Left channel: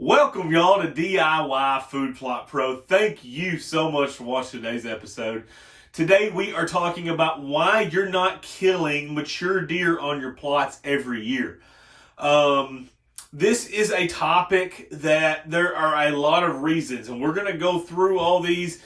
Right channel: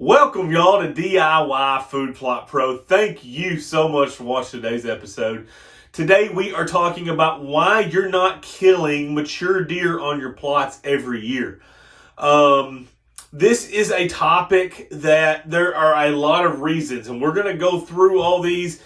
Welcome y'all to DIY Food Plot Pro. Thank you so much for watching today's episode. Today we are talking about why you're not killing mature deer on your plots every year. This is a topic that there are a lot of reasons, and we're going to go through all these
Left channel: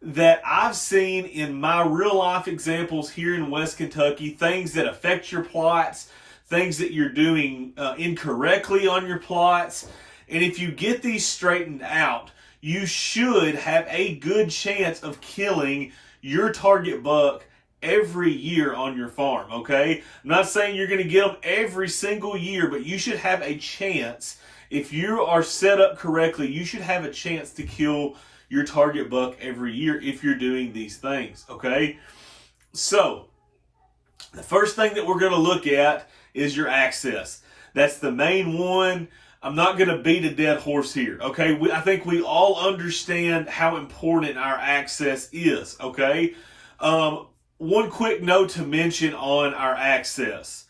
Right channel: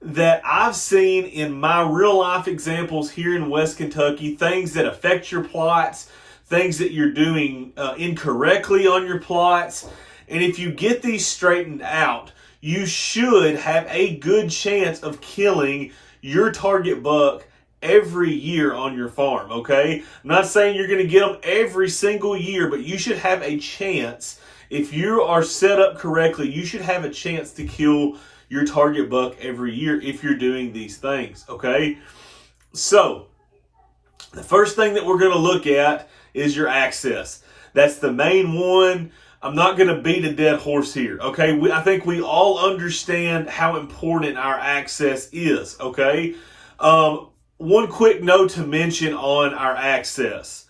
that I've seen in my real life examples here in West Kentucky, things that affect your plots, things that you're doing incorrectly on your plots. And if you get these straightened out, you should have a good chance of killing your target buck every year on your farm, okay? I'm not saying you're going to get them every single year, but you should have a chance. If you are set up correctly, you should have a chance to kill your target buck every year if you're doing these things, okay? So, the first thing that we're going to look at is your access. That's the main one. I'm not going to beat a dead horse here, okay? I think we all understand how important our access is, okay? One quick note to mention on our access.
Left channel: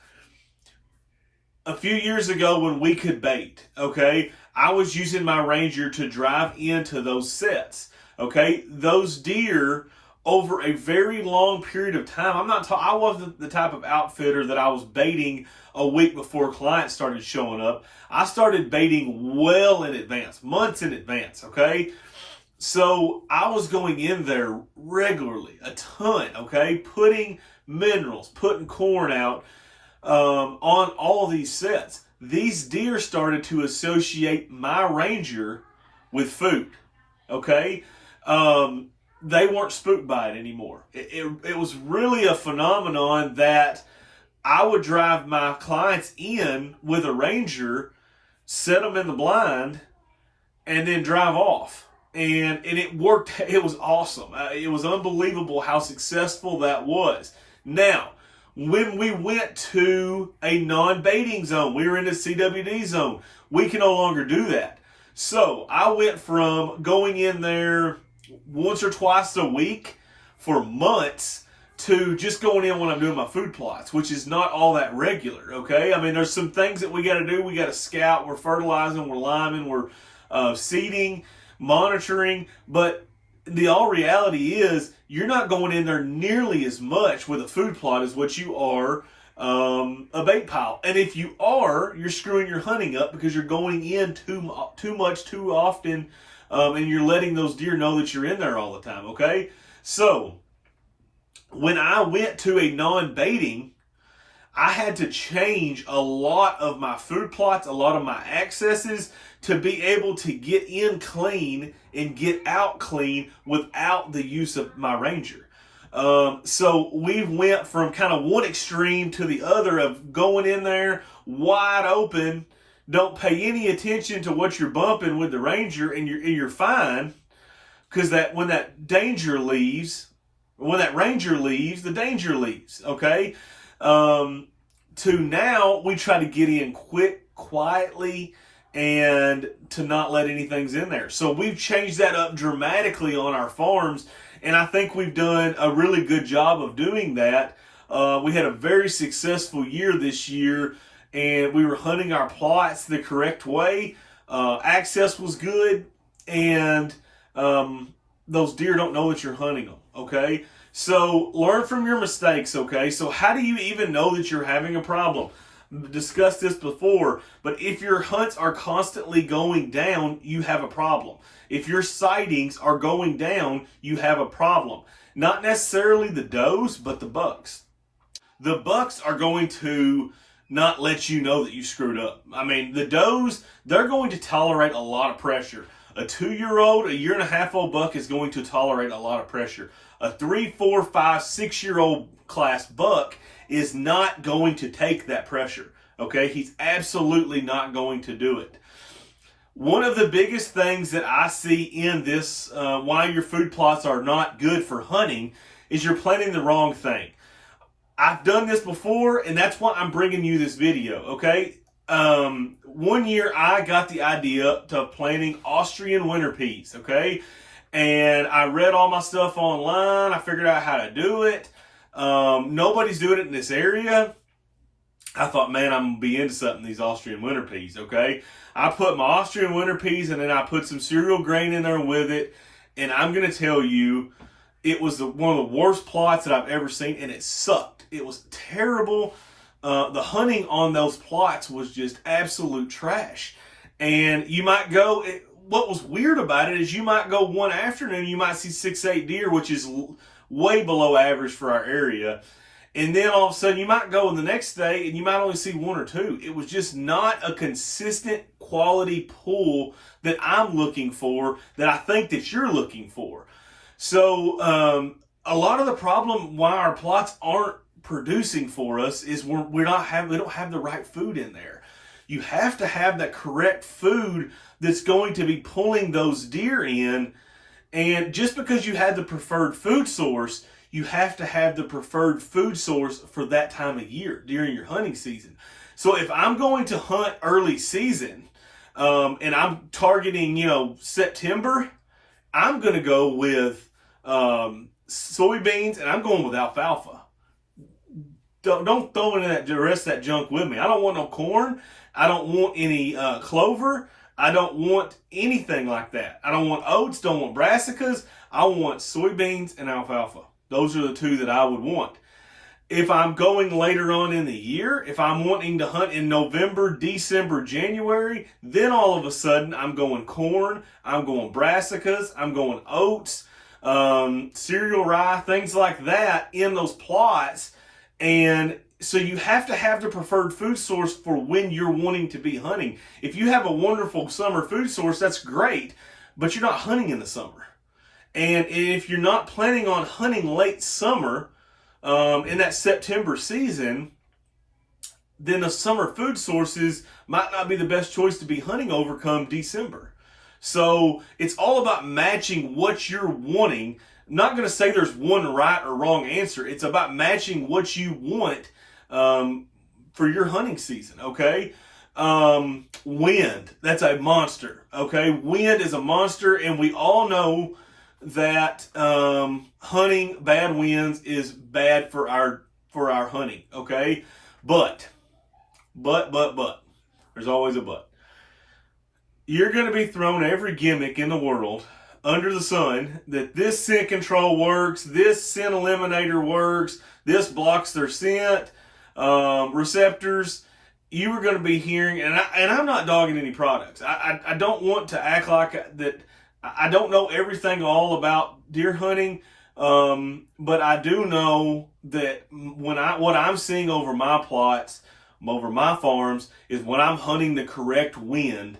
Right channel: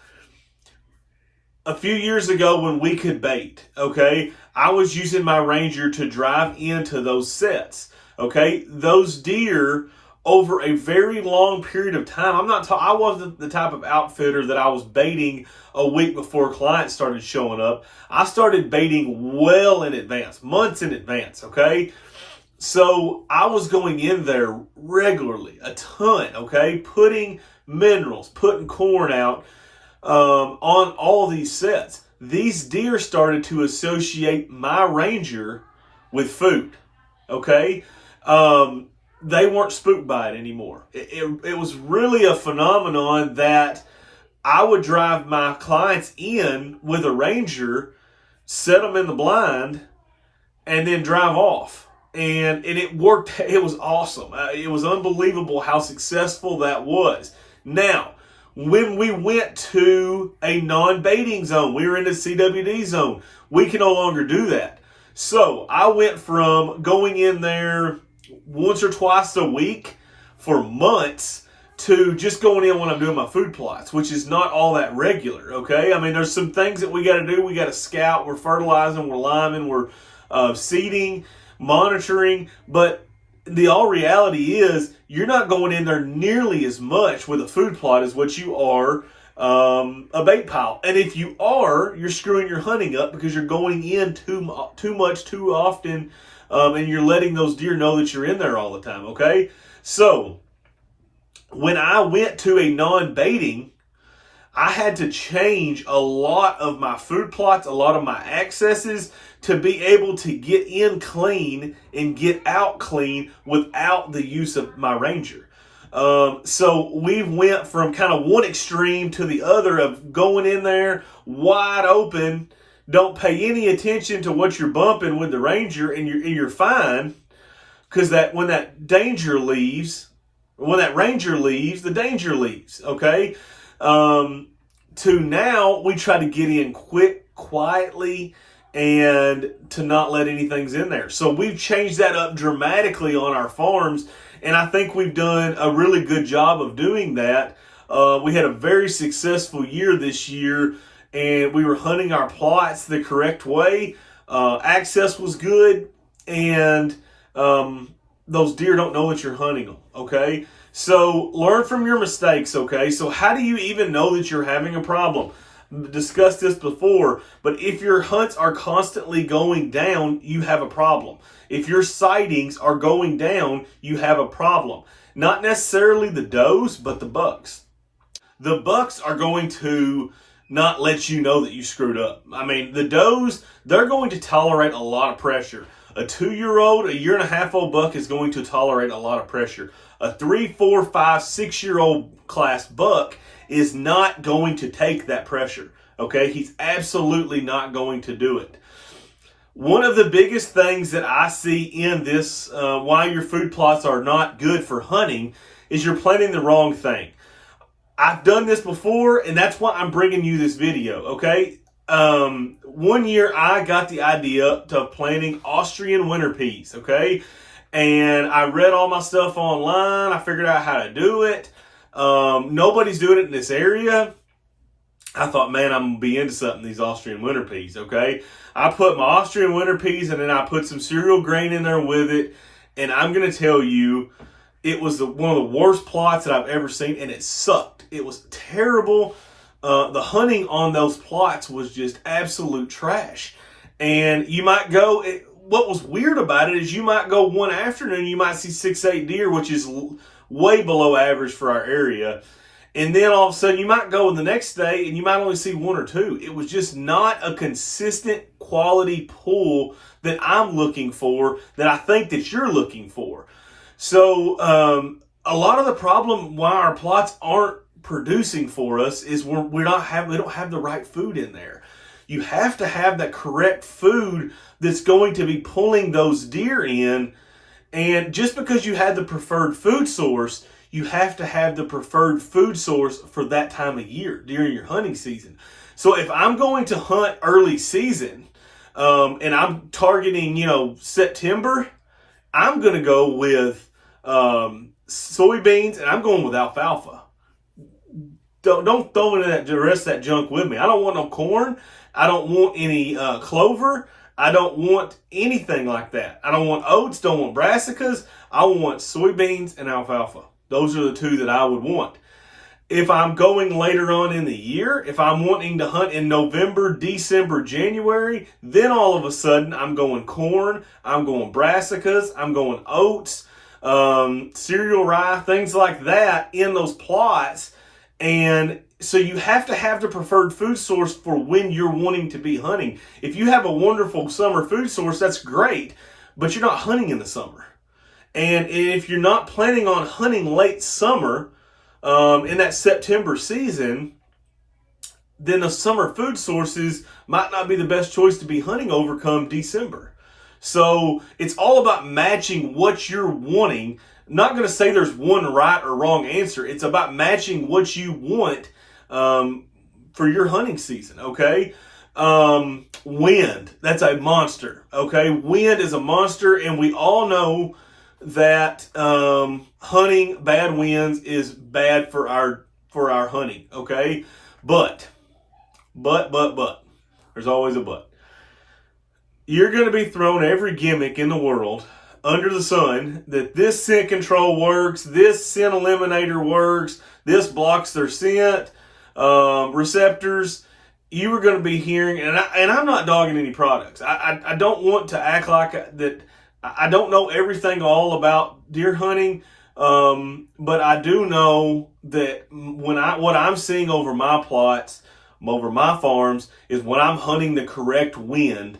A few years ago when we could bait, okay, I was using my Ranger to drive into those sets, okay? Those deer, over a very long period of time, I wasn't the type of outfitter that I was baiting a week before clients started showing up. I started baiting well in advance, months in advance, okay? So I was going in there regularly, a ton, okay? Putting minerals, putting corn out on all of these sets. These deer started to associate my Ranger with food, okay? They weren't spooked by it anymore. It was really a phenomenon that I would drive my clients in with a Ranger, set them in the blind, and then drive off. And it worked. It was awesome. It was unbelievable how successful that was. Now, when we went to a non-baiting zone, we were in the CWD zone, we can no longer do that. So I went from going in there once or twice a week for months to just going in when I'm doing my food plots, which is not all that regular, okay? I mean, there's some things that we got to do. We got to scout, we're fertilizing, we're liming, we're seeding, monitoring, but the all reality is you're not going in there nearly as much with a food plot as what you are a bait pile. And if you are, you're screwing your hunting up because you're going in too much, too often, and you're letting those deer know that you're in there all the time, okay? So, when I went to a non-baiting, I had to change a lot of my food plots, a lot of my accesses to be able to get in clean and get out clean without the use of my Ranger. So we went from kind of one extreme to the other of going in there wide open, don't pay any attention to what you're bumping with the Ranger, and you're fine, because when that Ranger leaves, the danger leaves, okay? To now, we try to get in quick, quietly, and to not let anything's in there. So we've changed that up dramatically on our farms, and I think we've done a really good job of doing that. We had a very successful year this year, and we were hunting our plots the correct way. Access was good, and those deer don't know that you're hunting them, okay? So learn from your mistakes, okay? So how do you even know that you're having a problem? Discussed this before, but if your hunts are constantly going down, you have a problem. If your sightings are going down, you have a problem. Not necessarily the does, but the bucks. The bucks are going to not let you know that you screwed up. I mean, the does, they're going to tolerate a lot of pressure. A 2-year-old, a 1.5-year-old buck is going to tolerate a lot of pressure. A 3, 4, 5, 6-year-old class buck is not going to take that pressure, okay? He's absolutely not going to do it. One of the biggest things that I see in this, why your food plots are not good for hunting, is you're planting the wrong thing. I've done this before, and that's why I'm bringing you this video, okay? One year I got the idea of planting Austrian winter peas, okay? And I read all my stuff online. I figured out how to do it. Nobody's doing it in this area. I thought, man, I'm going to be into something, these Austrian winter peas, okay? I put my Austrian winter peas and then I put some cereal grain in there with it. And I'm going to tell you, it was one of the worst plots that I've ever seen, and it sucked. It was terrible. The hunting on those plots was just absolute trash. And you might go, what was weird about it is you might go one afternoon, you might see 6-8 deer, which is way below average for our area. And then all of a sudden you might go the next day and you might only see 1 or 2. It was just not a consistent quality pull that I'm looking for, that I think that you're looking for. So a lot of the problem why our plots aren't producing for us is we don't have the right food in there. You have to have that correct food that's going to be pulling those deer in. And just because you have the preferred food source, you have to have the preferred food source for that time of year during your hunting season. So if I'm going to hunt early season and I'm targeting, September, I'm going to go with soybeans and I'm going with alfalfa. Don't throw in the rest of that junk with me. I don't want no corn. I don't want any clover. I don't want anything like that. I don't want oats, don't want brassicas. I want soybeans and alfalfa. Those are the two that I would want. If I'm going later on in the year, if I'm wanting to hunt in November, December, January, then all of a sudden I'm going corn, I'm going brassicas, I'm going oats, cereal rye, things like that in those plots. And so you have to have the preferred food source for when you're wanting to be hunting. If you have a wonderful summer food source, that's great, but you're not hunting in the summer. And if you're not planning on hunting late summer in that September season, then the summer food sources might not be the best choice to be hunting over come December. So it's all about matching what you're wanting. Not going to say there's one right or wrong answer. It's about matching what you want for your hunting season, okay? Wind, that's a monster, okay? Wind is a monster, and we all know that hunting bad winds is bad for our hunting, okay? But, there's always a but. You're going to be thrown every gimmick in the world under the sun that this scent control works, this scent eliminator works, this blocks their scent receptors. You are going to be hearing, and I'm not dogging any products. I don't want to act like that. I don't know everything all about deer hunting, but I do know that what I'm seeing over my plots, over my farms, is when I'm hunting the correct wind,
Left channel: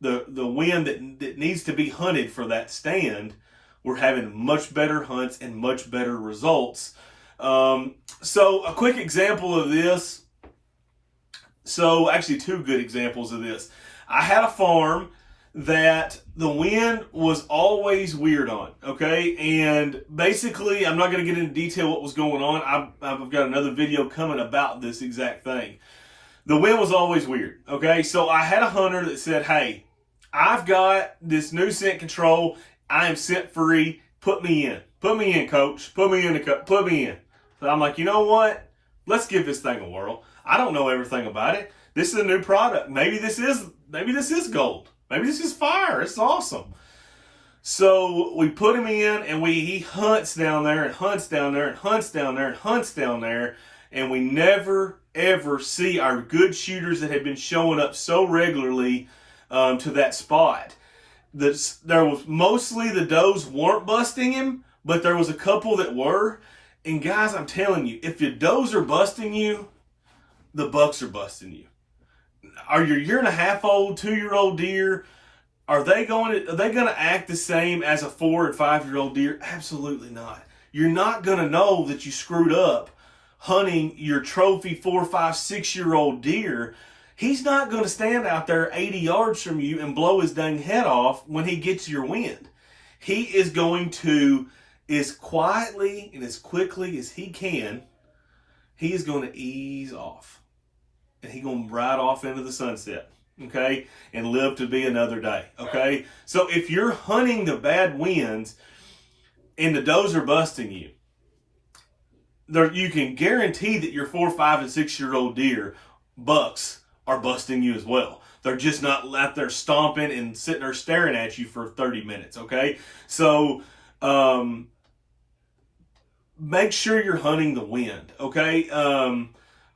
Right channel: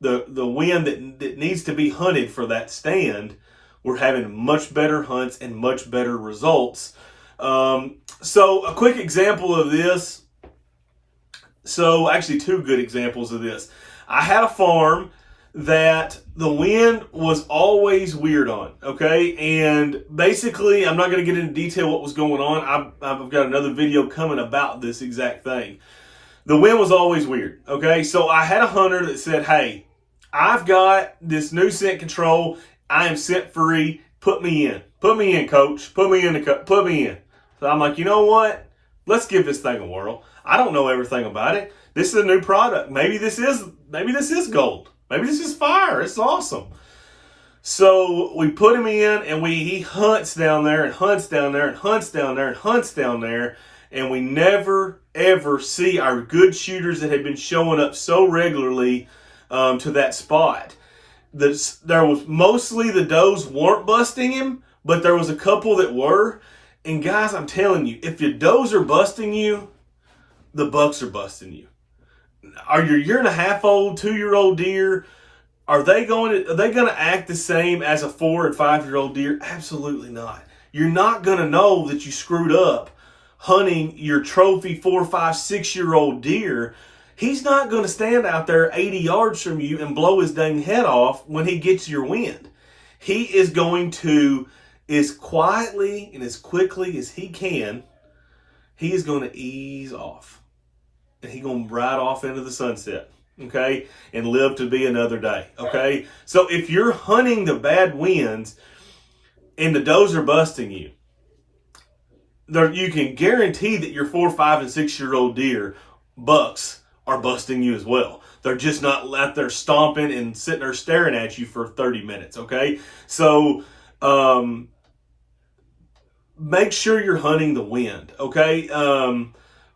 the wind that needs to be hunted for that stand, we're having much better hunts and much better results. So a quick example of this. So actually 2 good examples of this. I had a farm that the wind was always weird on, okay? And basically, I'm not going to get into detail what was going on. I've got another video coming about this exact thing. The wind was always weird, okay? So I had a hunter that said, hey, I've got this new scent control. I am scent free. Put me in. Put me in, coach. Put me in. So I'm like, you know what? Let's give this thing a whirl. I don't know everything about it. This is a new product. Maybe this is gold. Maybe this is fire. It's awesome. So we put him in, and he hunts down there and hunts down there and hunts down there and hunts down there, and we never ever see our good shooters that had been showing up so regularly to that spot. There was mostly the does weren't busting him, but there was a couple that were. And guys, I'm telling you, if your does are busting you, the bucks are busting you. Are your 1.5-year-old, 2-year-old deer, are they going to act the same as a 4 and 5-year-old deer? Absolutely not. You're not going to know that you screwed up hunting your trophy 4, 5, 6-year-old deer. He's not going to stand out there 80 yards from you and blow his dang head off when he gets your wind. He is going to, as quietly and as quickly as he can, he is going to ease off. And he's going to ride off into the sunset, okay, and live to be another day, okay? So if you're hunting the bad winds and the does are busting you, you can guarantee that your 4, 5, and 6-year-old deer bucks are busting you as well. They're just not out there stomping and sitting there staring at you for 30 minutes, okay? So make sure you're hunting the wind, okay?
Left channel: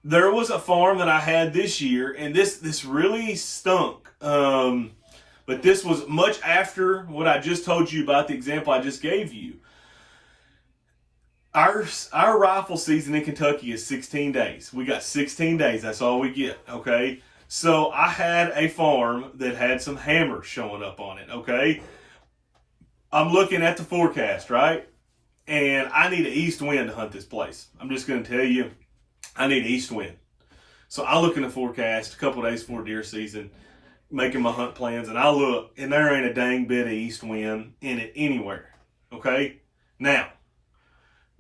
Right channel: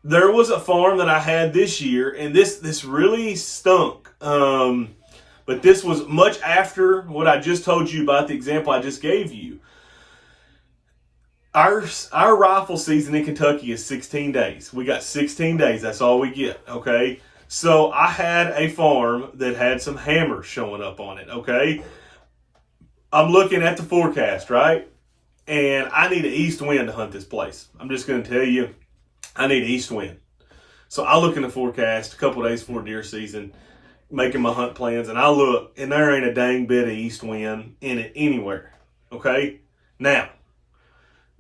There was a farm that I had this year, and this really stunk. But this was much after what I just told you about the example I just gave you. Our rifle season in Kentucky is 16 days. We got 16 days. That's all we get, okay? So I had a farm that had some hammers showing up on it, okay? I'm looking at the forecast, right? And I need an east wind to hunt this place. I'm just going to tell you, I need an east wind. So I look in the forecast a couple days before deer season, making my hunt plans, and I look, and there ain't a dang bit of east wind in it anywhere, okay? Now,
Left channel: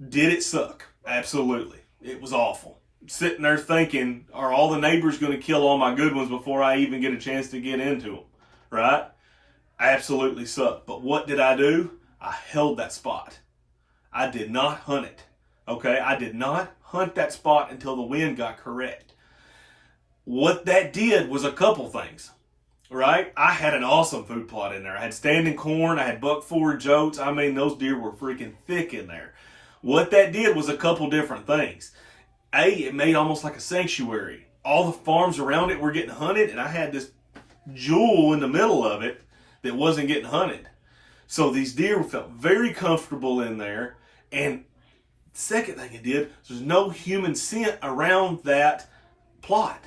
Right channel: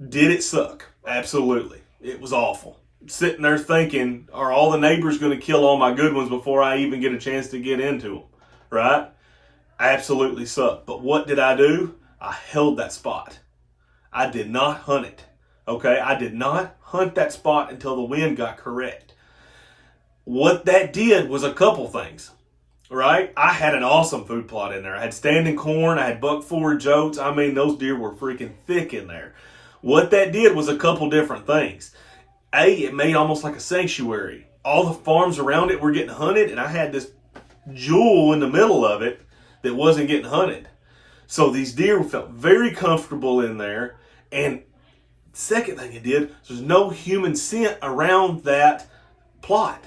did it suck? Absolutely. It was awful. Sitting there thinking, are all the neighbors going to kill all my good ones before I even get a chance to get into them, right? Absolutely sucked. But what did I do? I held that spot. I did not hunt it, okay? I did not hunt that spot until the wind got correct. What that did was a couple things, right? I had an awesome food plot in there. I had standing corn. I had buck forage oats. I mean, those deer were freaking thick in there. What that did was a couple different things. It made almost like a sanctuary. All the farms around it were getting hunted, and I had this jewel in the middle of it that wasn't getting hunted. So these deer felt very comfortable in there. And second thing it did, there's no human scent around that plot.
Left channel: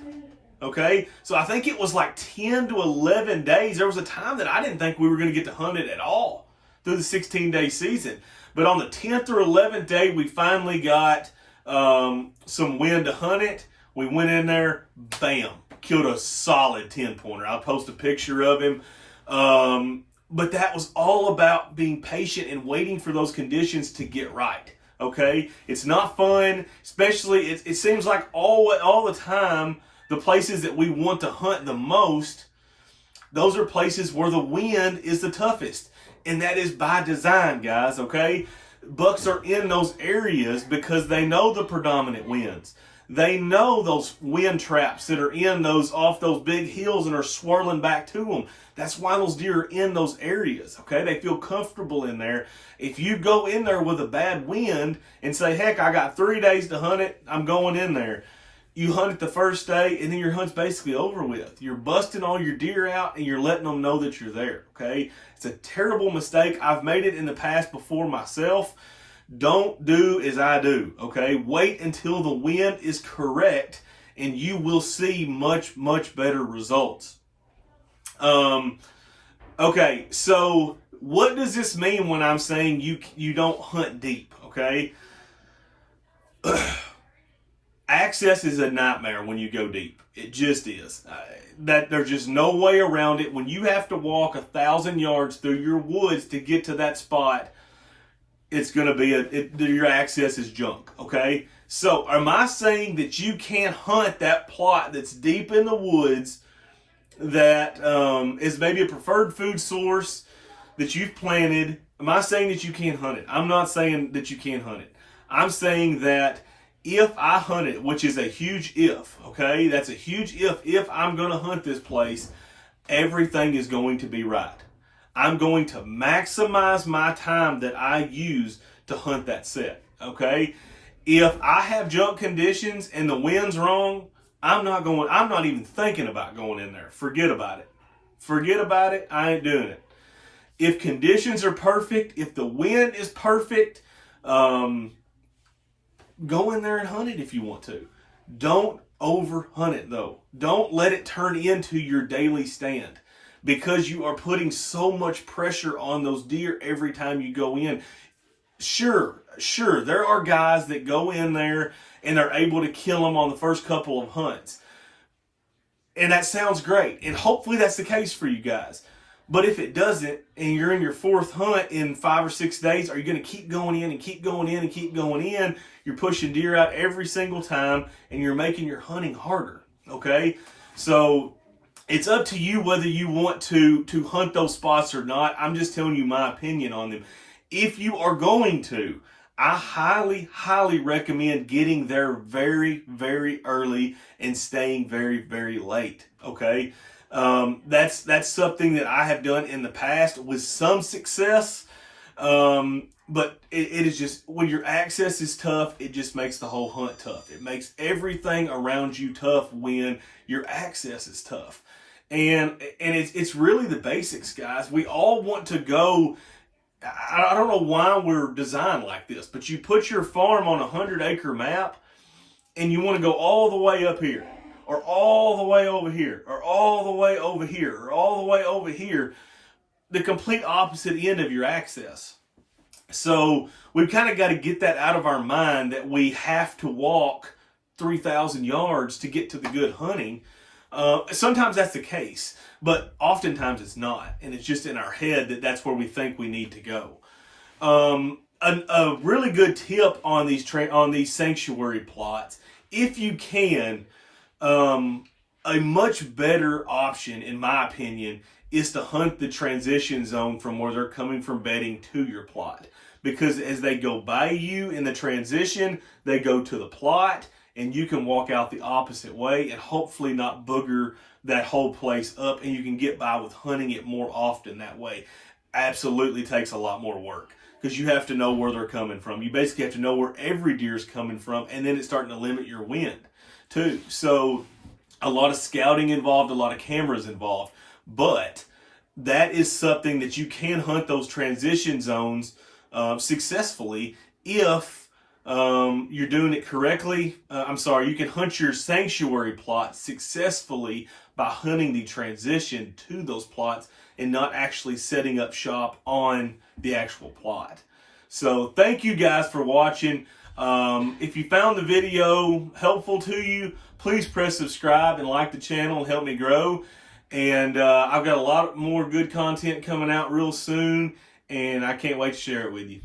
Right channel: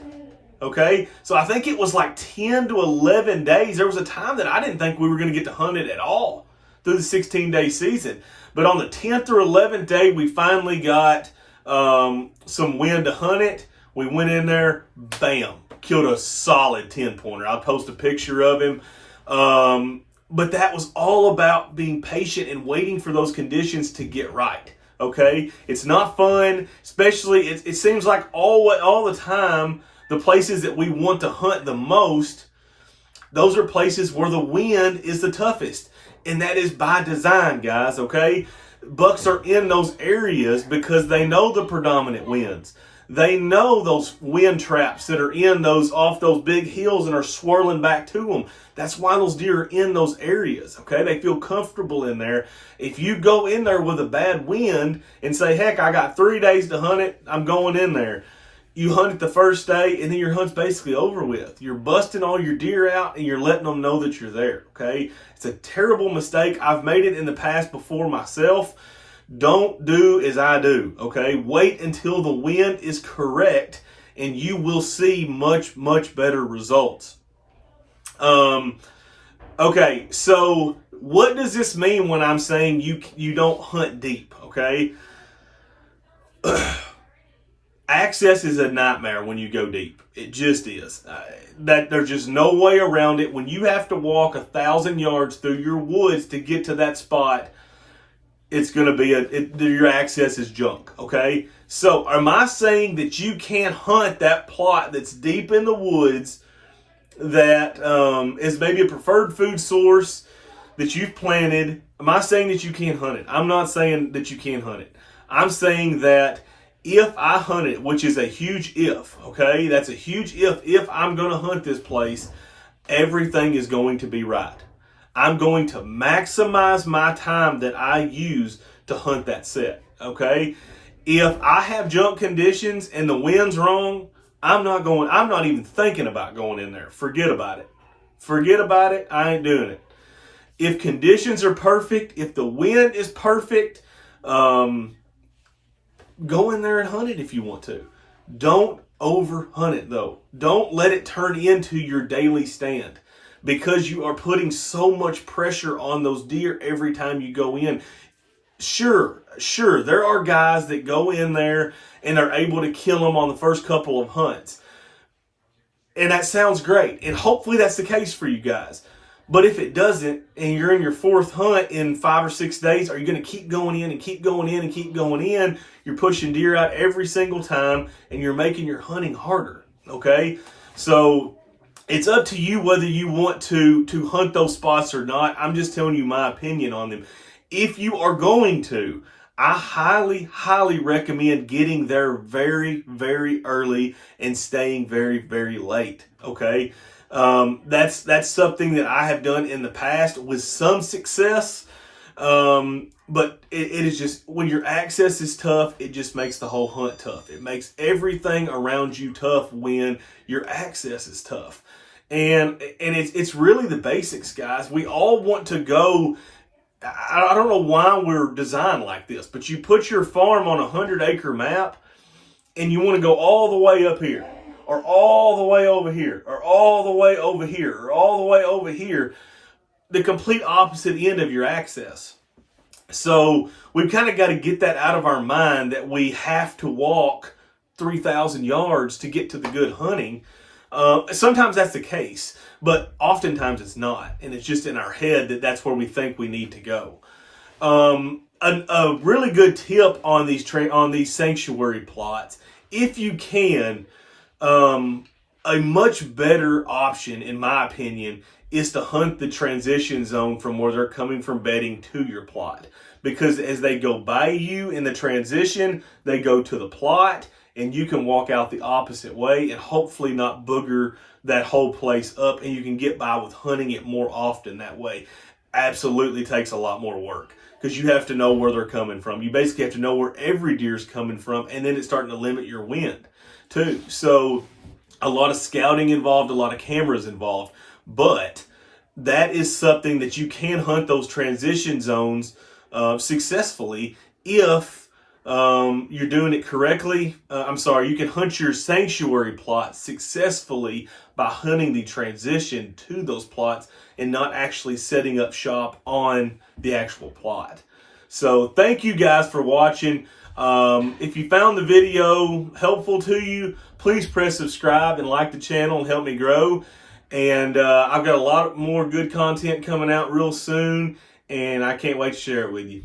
Okay? So I think it was like 10 to 11 days. There was a time that I didn't think we were going to get to hunt it at all through the 16-day season. But on the 10th or 11th day, we finally got some wind to hunt it. We went in there, bam, killed a solid 10-pointer. I'll post a picture of him. But that was all about being patient and waiting for those conditions to get right. Okay? It's not fun, especially it seems like all the time the places that we want to hunt the most, those are places where the wind is the toughest. And that is by design, guys, okay? Bucks are in those areas because they know the predominant winds. They know those wind traps that are in off those big hills and are swirling back to them. That's why those deer are in those areas, okay? They feel comfortable in there. If you go in there with a bad wind and say, heck, I got 3 days to hunt it, I'm going in there. You hunt it the first day, and then your hunt's basically over with. You're busting all your deer out, and you're letting them know that you're there, okay? It's a terrible mistake. I've made it in the past before myself. Don't do as I do, okay? Wait until the wind is correct, and you will see much, much better results. Okay, so what does this mean when I'm saying you don't hunt deep, okay? Access is a nightmare when you go deep. It just is. That there's just no way around it. When you have to walk 1,000 yards through your woods to get to that spot, it's going to be your access is junk. Okay. So am I saying that you can't hunt that plot that's deep in the woods that is maybe a preferred food source that you've planted? Am I saying that you can't hunt it? I'm not saying that you can't hunt it. I'm saying that if I hunt it, which is a huge if, okay? That's a huge if. If I'm going to hunt this place, everything is going to be right. I'm going to maximize my time that I use to hunt that set, okay? If I have junk conditions and the wind's wrong, I'm not even thinking about going in there. Forget about it. Forget about it. I ain't doing it. If conditions are perfect, if the wind is perfect, go in there and hunt it if you want to. Don't over hunt it though. Don't let it turn into your daily stand because you are putting so much pressure on those deer every time you go in. Sure, there are guys that go in there and are able to kill them on the first couple of hunts. And that sounds great. And hopefully that's the case for you guys. But if it doesn't, and you're in your fourth hunt in 5 or 6 days, are you going to keep going in and keep going in and keep going in? You're pushing deer out every single time, and you're making your hunting harder, okay? So it's up to you whether you want to hunt those spots or not. I'm just telling you my opinion on them. If you are going to, I highly, highly recommend getting there very, very early and staying very, very late, okay? That's something that I have done in the past with some success. But it is just, when your access is tough, it just makes the whole hunt tough. It makes everything around you tough when your access is tough. And it's really the basics, guys. We all want to go. I don't know why we're designed like this, but you put your farm on a 100-acre map and you want to go all the way up here, or all the way over here, or all the way over here, or all the way over here, the complete opposite end of your access. So we've kind of got to get that out of our mind, that we have to walk 3,000 yards to get to the good hunting. Sometimes that's the case, but oftentimes it's not, and it's just in our head that that's where we think we need to go. A really good tip on these sanctuary plots, if you can, a much better option, in my opinion, is to hunt the transition zone from where they're coming from bedding to your plot. Because as they go by you in the transition, they go to the plot, and you can walk out the opposite way and hopefully not booger that whole place up, and you can get by with hunting it more often that way. Absolutely takes a lot more work, because you have to know where they're coming from. You basically have to know where every deer's coming from, and then it's starting to limit your wind too. So a lot of scouting involved, a lot of cameras involved, but that is something that you can hunt those transition zones successfully if you're doing it correctly. You can hunt your sanctuary plot successfully by hunting the transition to those plots and not actually setting up shop on the actual plot. So thank you guys for watching. If you found the video helpful to you, please press subscribe and like the channel and help me grow. And I've got a lot more good content coming out real soon, and I can't wait to share it with you.